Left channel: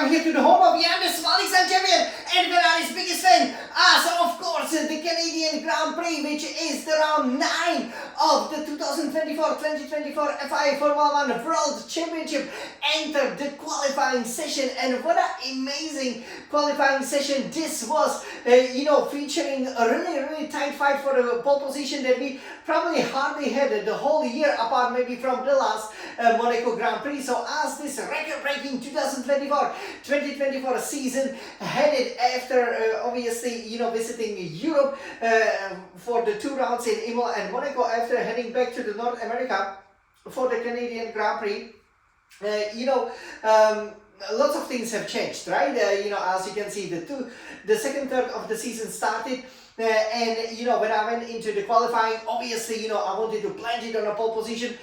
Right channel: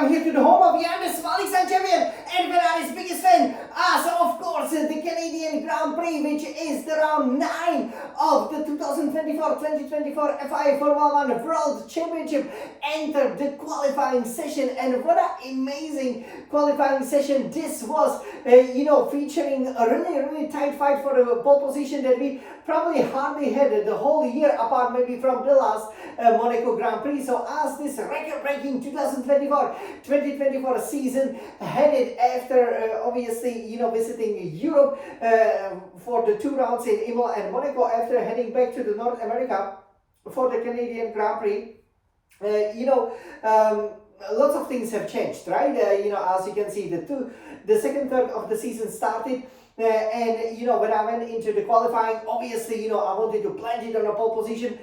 welcome here to the home of youngest Alex champion and Ferrari's biggest fan. So of course the Canadian Grand Prix, which is the round 9 of the 2024 FIA Formula 1 World Championship, entered the qualifying session, and what an amazing qualifying session this was, featuring a really tight fight for the pole position that we probably hardly had the whole year, apart maybe from the last Monaco Grand Prix. So as this record-breaking 2024 season headed after obviously visiting Europe for the 2 rounds in Imola and Monaco, after heading back to the North America for the Canadian Grand Prix, lots of things have changed, right? As you can see, the second third of the season started. And when I went into the qualifying, obviously, I wanted to plant it on a pole position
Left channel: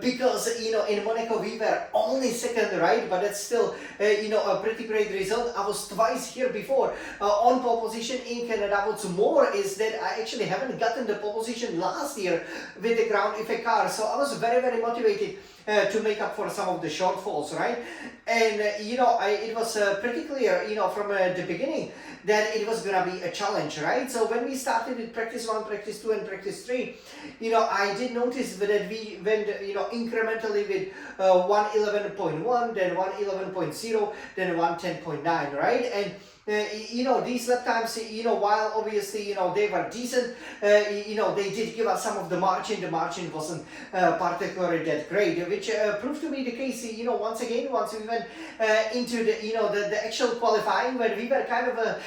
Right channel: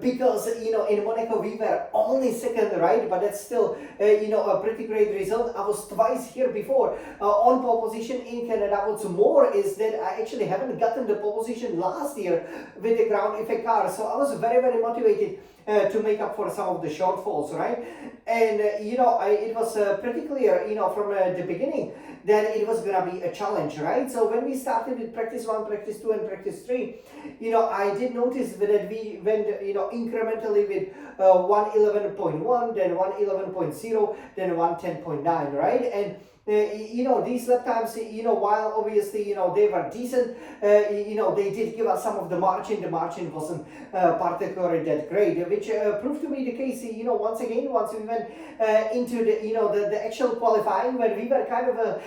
because, in Monaco we were only second, right? But that's still, a pretty great result. I was twice here before on pole position in Canada. What's more is that I actually haven't gotten the pole position last year with the ground effect car. So I was very motivated to make up for some of the shortfalls, right? And it was pretty clear, from the beginning that it was gonna be a challenge, right? So when we started with practice 1, practice 2, and practice 3, I did notice that we went, incrementally with 111.1, then 111.0, then 110.9, right? And these lap times, while obviously, they were decent, they did give us some of the margin. The margin wasn't particularly that great, which proved to be the case, once we went into the actual qualifying, where we were kind of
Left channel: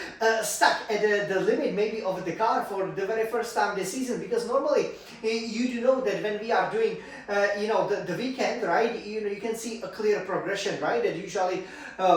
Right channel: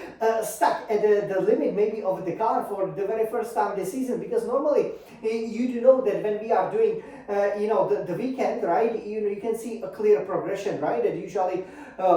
stuck at the limit maybe of the car for the very first time this season, because normally you do know that when we are doing the weekend, right, you can see a clear progression, right, that usually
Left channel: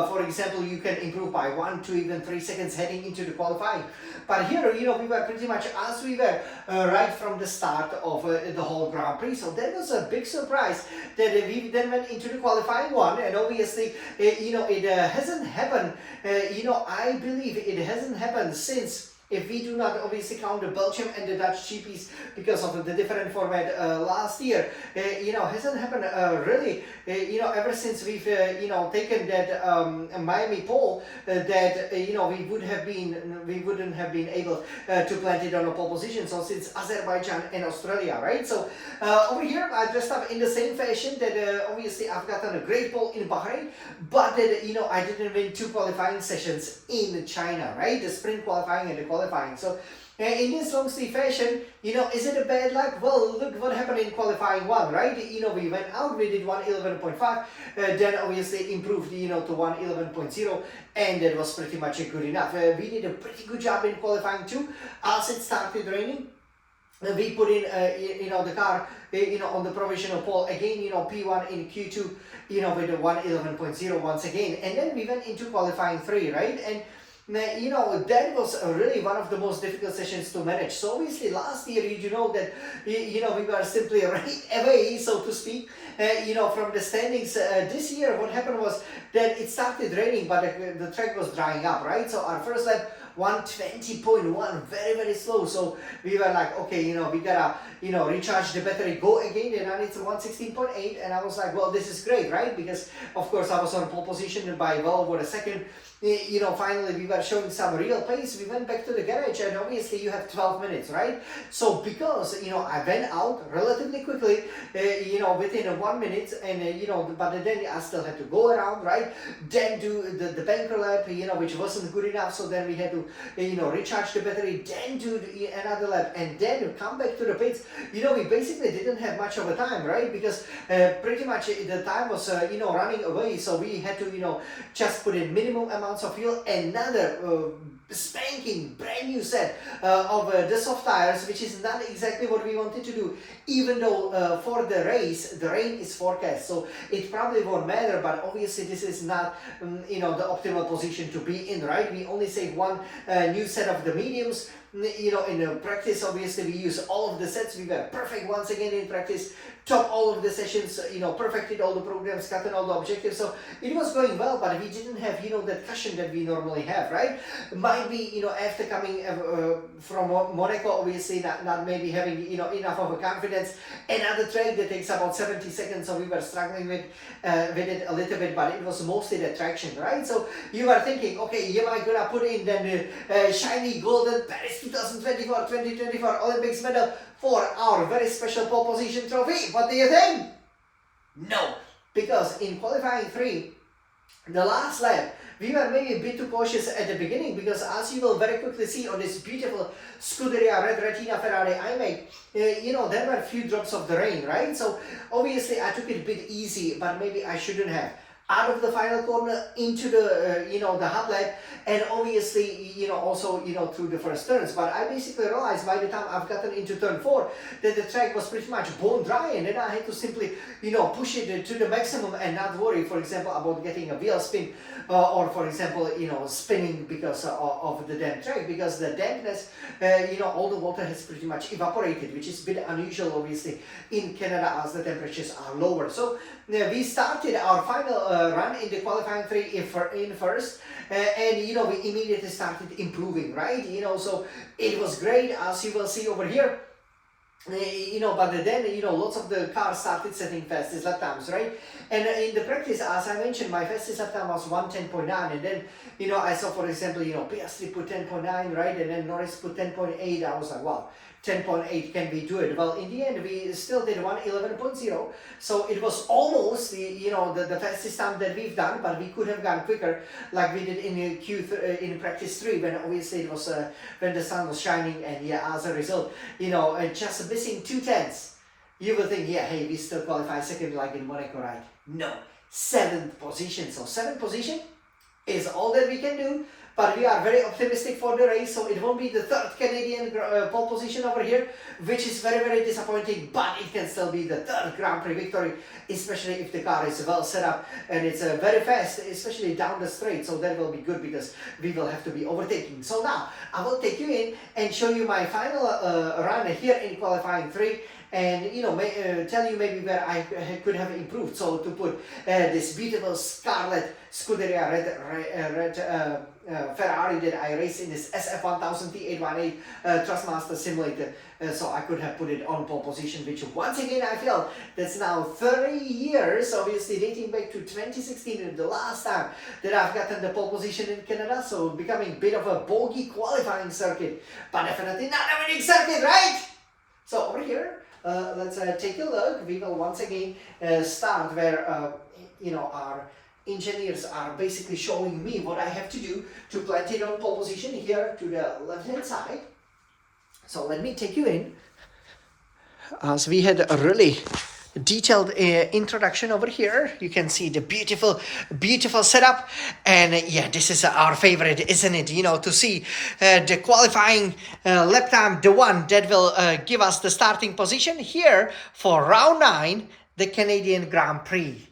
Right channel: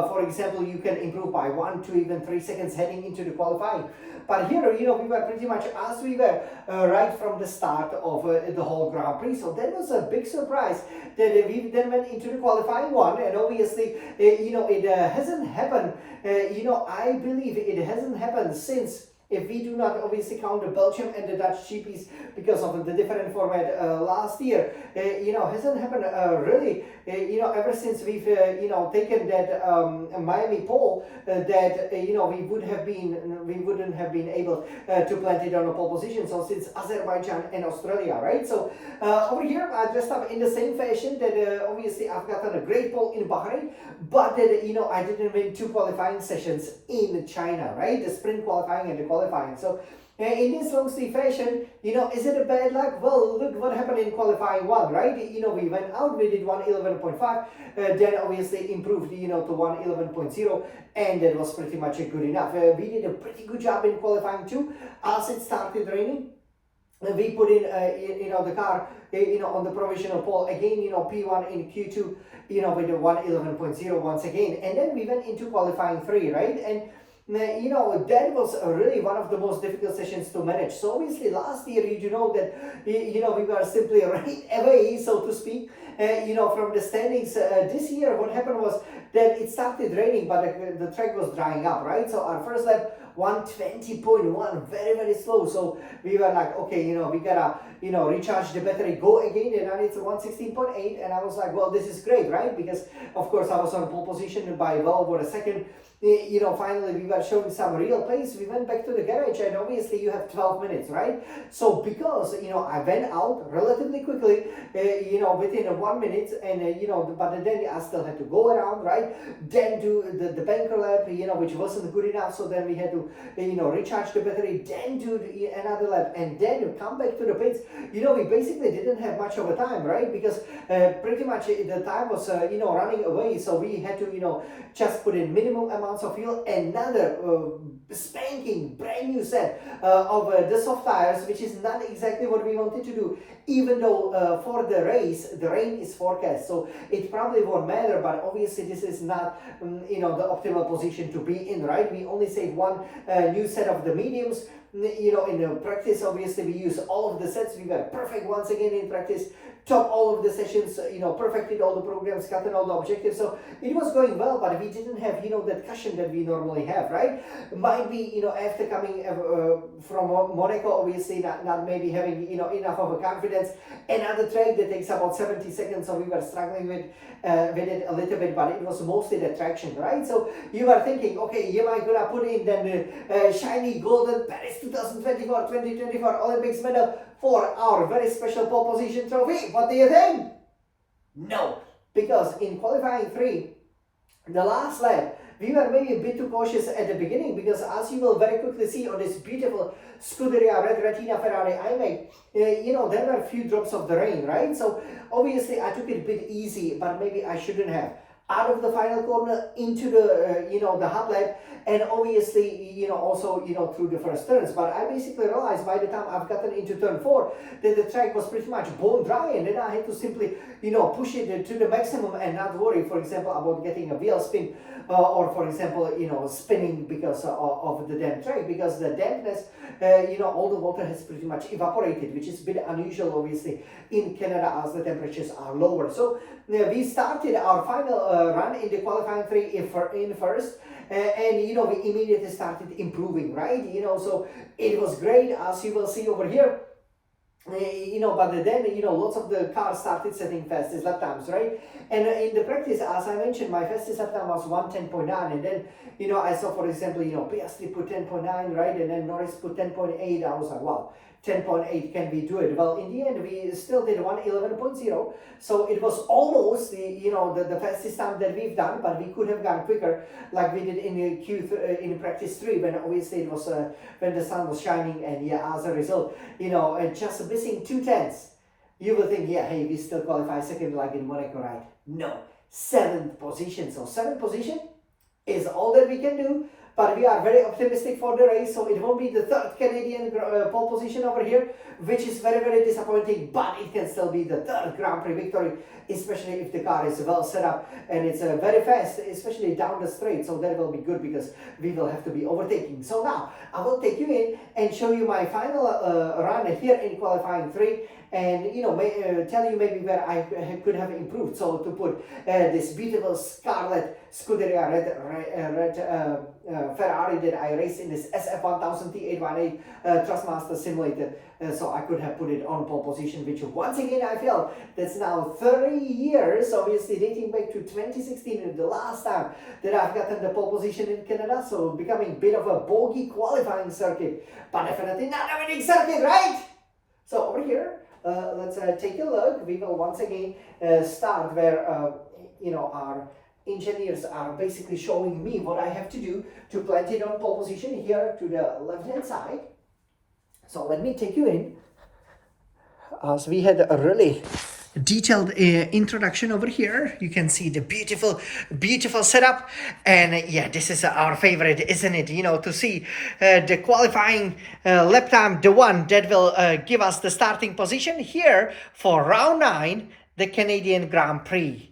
for example, you can improve by 1 to even 3 seconds heading into the qualifying. But here, we were pretty much as we were right from the start of the whole Grand Prix. So that was a big surprise that we then went into the qualifying one, and obviously, it hasn't happened. I believe it hasn't happened since, if we do not obviously count the Belgium and the Dutch GPs because of the different format last year, hasn't happened really, ever since we've, taken that Miami pole, that, we wouldn't have been able to plant it on a pole position. So since Azerbaijan and Australia, right? So over here, I dressed up in the same fashion that obviously I've gotten a great pole in Bahrain, but that, I didn't win 2 qualifying sessions in China, right? The sprint qualifying and the qualifying. So in this long sleeve fashion, is it a bad luck? Well, look what happened in qualifying 1, right? We went out, we did 111.5, then obviously improved, to 111.0, and that was pretty much good enough. We did a pretty good job in qualifying 2. As it started raining, we put in, the car, on the provisional pole again, P1 in Q2, with a 111.0 once again, and then we went into qualifying 3, right? And that was really one of the most difficult sessions to manage. So obviously last year, that, we were simply right away, so to speak, from the standings. This year, what happened was that it started raining, but the track was drying up, right? So our first lap, 120.1, very slow. So we were like, okay, we gotta, recharge the battery, go again, and then it's 116.8, and I was like, well, this is great, right? Because of course I was on pole position by well over a second. Finally we were showing some real pace. We went back to the garage, and obviously you have 12 minutes, right? So because, I went out relatively quickly, within 1 minute, and, but then I still had to go around, right? Then do the banker lap, which wasn't good enough. So then we had to, recharge the battery, then do another lap, and then come back to the pits. We basically didn't have much of a time, right? Because pretty much the time was, running away. So we had to, just put in minimum amounts of fuel, another spanking brand new set of the soft tires, which is not exactly what we wanted to do, even though for the race the rain is forecast, so it probably won't matter. But obviously this is not the optimal position to be in, right? We only saved 1 new set of the mediums, in the practice, obviously, we use all of the sets. We were perfect once again in practice, top all of the sessions, perfected all the programs, cut all the objectives. So it was going well, but we didn't have, that cushion that we normally have, right? Might be, after coming from Monaco, obviously, not maybe having, enough of a confidence. Another track that takes about 70 seconds, so we were struggling with it a little bit, but it was mostly the traction, right? So you are thinking, okay, am I gonna put in then shiny golden Paris 2024 Olympics medal for our very special pole position trophy? What do you think? No, because in qualifying 3, the last lap, we were maybe a bit too cautious at the beginning, because as you will very quickly see on this beautiful Scuderia Red Retina Ferrari I make, there were a few drops of the rain, right? So obviously I took it a bit easy, but maybe I shouldn't have. Out of the final corner into the the hot lap, and obviously also through the first turns. But I basically realized by the time I've gotten into turn 4 that the track was pretty much bone dry, and then I had to simply push it to the maximum and not worry, for example, about getting a wheel spin or for example spinning because of the damp track, because the dampness all the water has pretty much evaporated, which is a bit unusual obviously in Canada as the temperatures are lower. So we started our final run in the qualifying 3 in first, and we immediately started improving, right? So it was great, as you will see over here. But then lots of the cars started setting fastest lap times, right? And in the practice, as I mentioned, my fastest lap time was 1:10.9, and then I saw, for example, Piastri put 10.9, right? And then Norris put 10.8. I was like, wow, 10.8, can we do it? Well, in the end, we still did 1:11.0, so it was almost the fastest time that we've done, but we could have gone quicker, like we did in in practice 3, when obviously it was when the sun was shining, and as a result, just missing 2/10. You will think, hey, we still qualify second like in Monaco, right? No, 7th position. So 7th position is all that we can do. But we are very optimistic for the race, so it won't be the 3rd Canadian pole position over here, which is very, very disappointing, but it can still be the 3rd Grand Prix victory, especially if the car is well set up and it's very fast, especially down the straight, so that will be good because we will have to be overtaking. So now, I will take you in and show you my final run here in qualifying 3, and tell you maybe where I could have improved. So to put this beautiful Scarlet Scuderia red Ferrari that I raced in this SF1000 T818 Trustmaster Simulator, so I could have put it on pole position, which once again I feel that's now 30 years, obviously dating back to 2016, the last time that I've gotten the pole position in Canada, so becoming a bit of a bogey qualifying circuit, but definitely not a winning circuit, right? So over here, let's take a look. We will once again start where our engineers are basically showing me what I have to do to plant it on pole position here to the left hand side. So let me take you in, as we had a really detailed introduction over here. You can see the beautiful setup, and this is our favorite, isn't it? To see the qualifying lap time, the one that will give us the starting position here for round 9, the Canadian Grand Prix.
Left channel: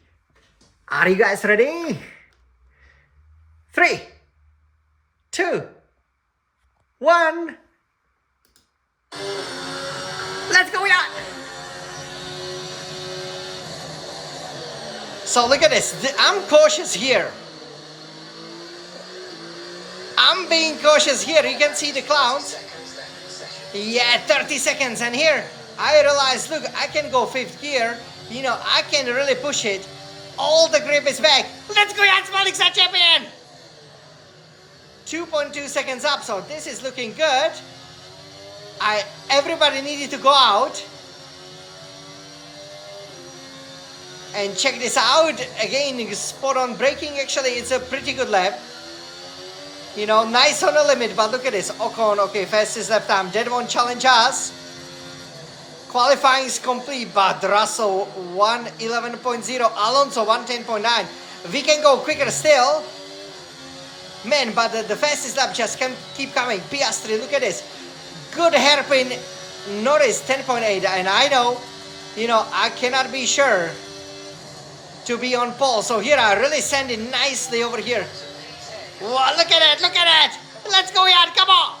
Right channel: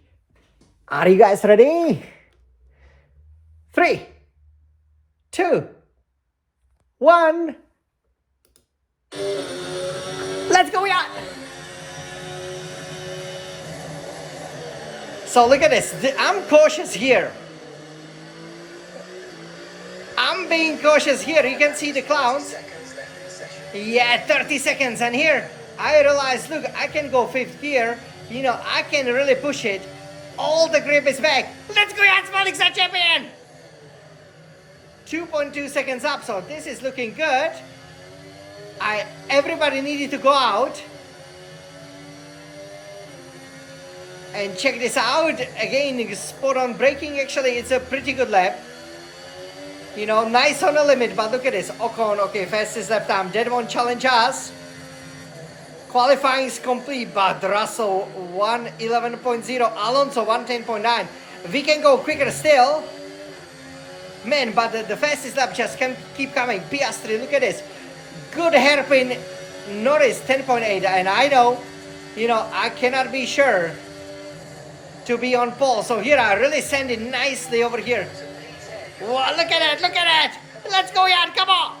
Are you guys ready? 3, 2, 1. Let's go, yeah! So look at this. I'm cautious here. I'm being cautious here. You can see the clouds. 30 seconds. And here I realized, look, I can go 5th gear. I can really push it. All the grip is back. Let's go, Jan Smallik's a champion! 2.2 seconds up, so this is looking good. Everybody needed to go out. And check this out. Again, spot on braking. Actually, it's a pretty good lap. Nice on the limit, but look at this. Ocon, okay, fastest lap time. That won't challenge us. Qualifying is complete, but Russell 1:11.0, Alonso 1:10.9. We can go quicker still. Man, but the fastest lap just can keep coming. Piastri, look at this. Good hairpin. Norris 10.8, and I know, I cannot be sure to be on pole. So here I really send it nicely over here. Wow, look at it, look at it. Let's go, Jan, come on.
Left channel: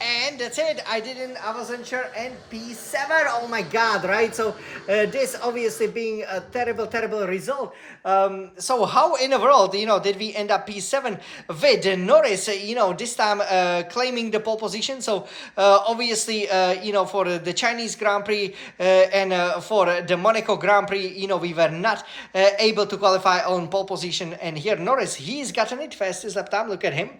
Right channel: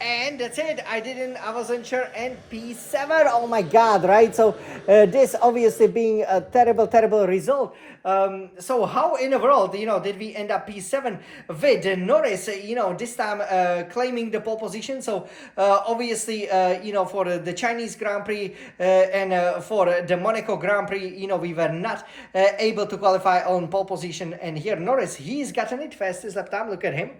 And that's it. I wasn't sure. And P7. Oh my God, right? So this obviously being a terrible result. So how in the world, did we end up P7 with Norris, this time claiming the pole position? So obviously, for the Chinese Grand Prix and for the Monaco Grand Prix, we were not able to qualify on pole position. And here Norris, he's gotten it fastest lap time. Look at him.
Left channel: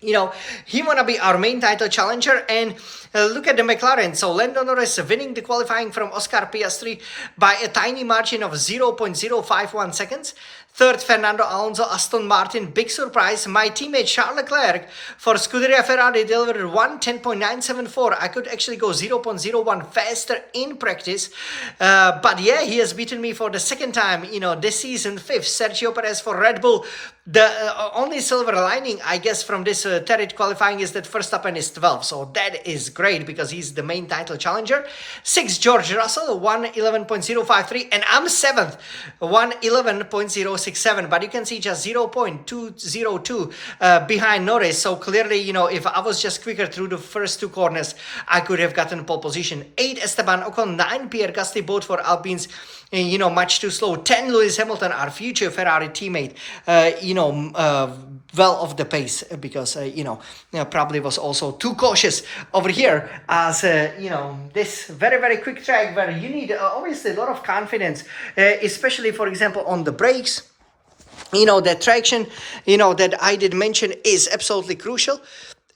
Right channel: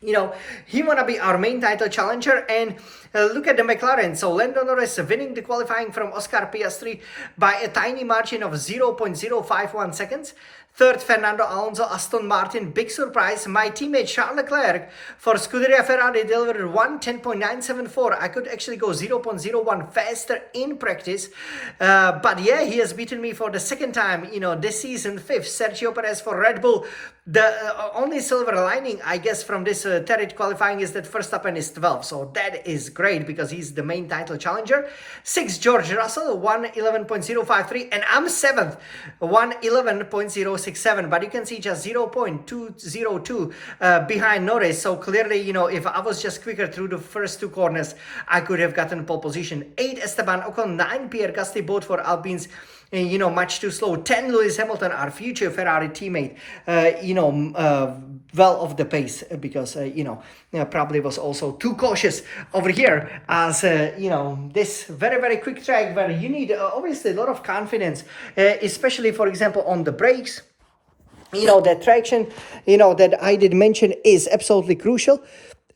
He want to be our main title challenger. And look at the McLaren. So Lando Norris winning the qualifying from Oscar Piastri by a tiny margin of 0.051 seconds. Third, Fernando Alonso, Aston Martin. Big surprise. My teammate Charles Leclerc for Scuderia Ferrari delivered 1:10.974. I could actually go 0.01 faster in practice. But yeah, he has beaten me for the second time, this season. Fifth, Sergio Perez for Red Bull. The only silver lining, I guess, from this Territ qualifying is that Verstappen is 12. So that is great because he's the main title challenger. Sixth, George Russell, 1:11.053. And I'm seventh, 1:11.067. But you can see just 0.202 behind Norris. So clearly, if I was just quicker through the first two corners, I could have gotten pole position. 8, Esteban Ocon. 9, Pierre Gasly, both for Alpines. Much too slow. 10, Lewis Hamilton, our future Ferrari teammate, well off the pace because, probably was also too cautious over here as, this very quick track where you need obviously a lot of confidence, especially, for example, on the brakes. The traction, that I did mention is absolutely crucial.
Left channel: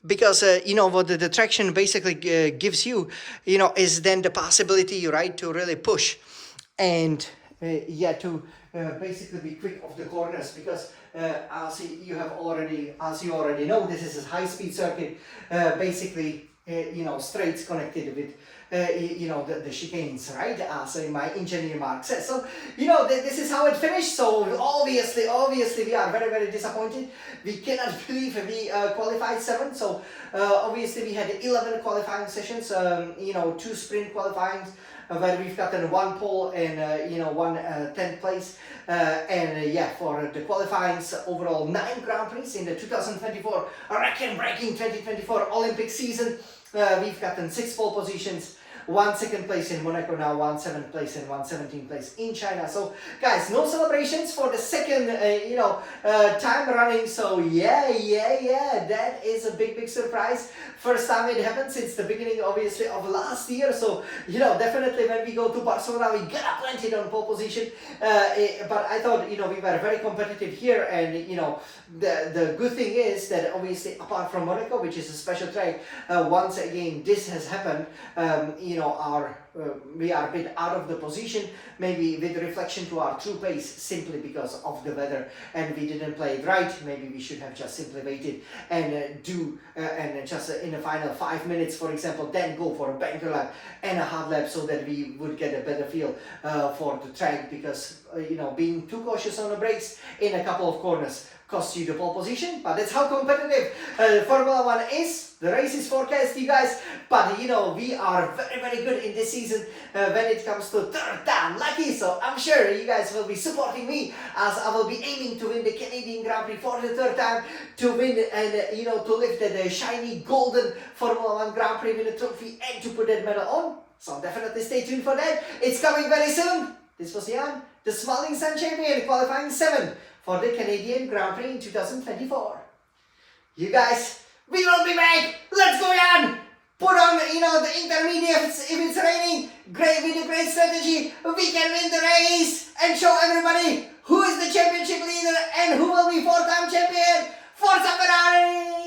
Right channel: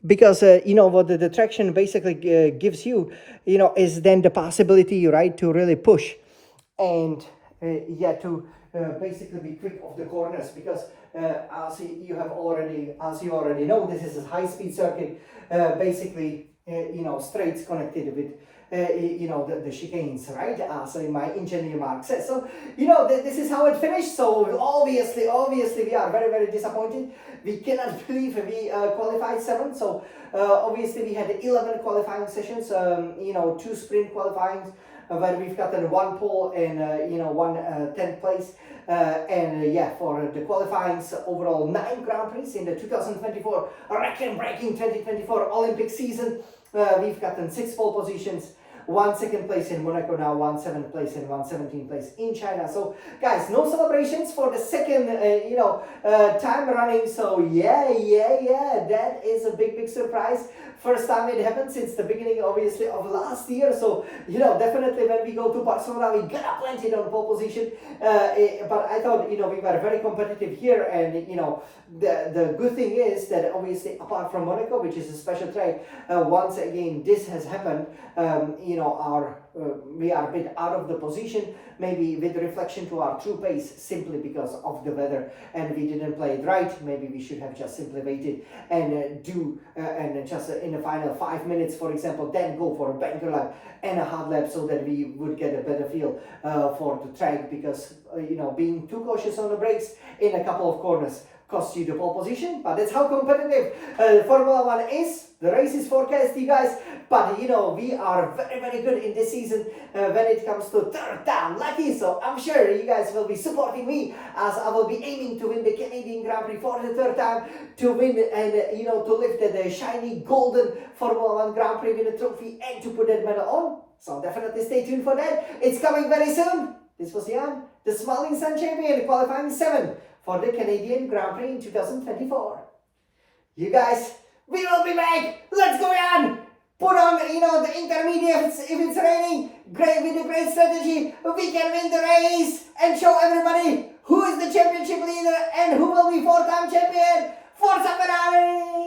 Because, what the traction basically gives you, is then the possibility, right, to really push. And to basically be quick off the corners because as you already know, this is a high-speed circuit, basically straights connected with the chicanes, right, as my engineer Mark says. So this is how it finished. So obviously we are very disappointed. We cannot believe we qualified 7. So obviously we had 11 qualifying sessions, 2 sprint qualifying, where we've gotten 1 pole and one 10th place, for the qualifyings overall 9 Grand Prix in the 2024 record-breaking 2024 Olympic season. We've gotten 6 pole positions, 1 second place in Monaco now, 1 7th place and 1 17th place in China. So guys, no celebrations for the second time running. So yeah, that is a big surprise. First time it happened since the beginning obviously of last year. So definitely when we go to Barcelona we gotta plant it on pole position. But I thought we were very competitive here, and the good thing is that obviously apart from Monaco, which is a special track, once again this has happened. We are a bit out of the position, maybe with reflection to our true pace, simply because of the weather, and we didn't play it right. Maybe we should have just simply waited and just in the final 5 minutes, for example, then go for a banker lap and a hard lap so that we would get a better feel for the track, because being too cautious on the brakes in a couple of corners cost you the pole position. But that's how competitive Formula 1 is. The race is forecast, you guys, but we are very good in this season when it comes to third time lucky. So I'm sure you guys will be supporting me as I will be aiming to win the Canadian Grand Prix for the third time, to win and to lift the shiny golden Formula 1 Grand Prix winner trophy and to put that medal on. So definitely stay tuned for that. It's coming very soon. This was Jan, the Smiling Sun champion, qualifying 7 for the Canadian Grand Prix in 2024. You guys, we will be back. Let's go, Jan. Put on, the intermediates if it's raining. Great, with a great strategy, we can win the race and show everybody who is the championship leader and who will be 4-time champion. Forza Ferrari!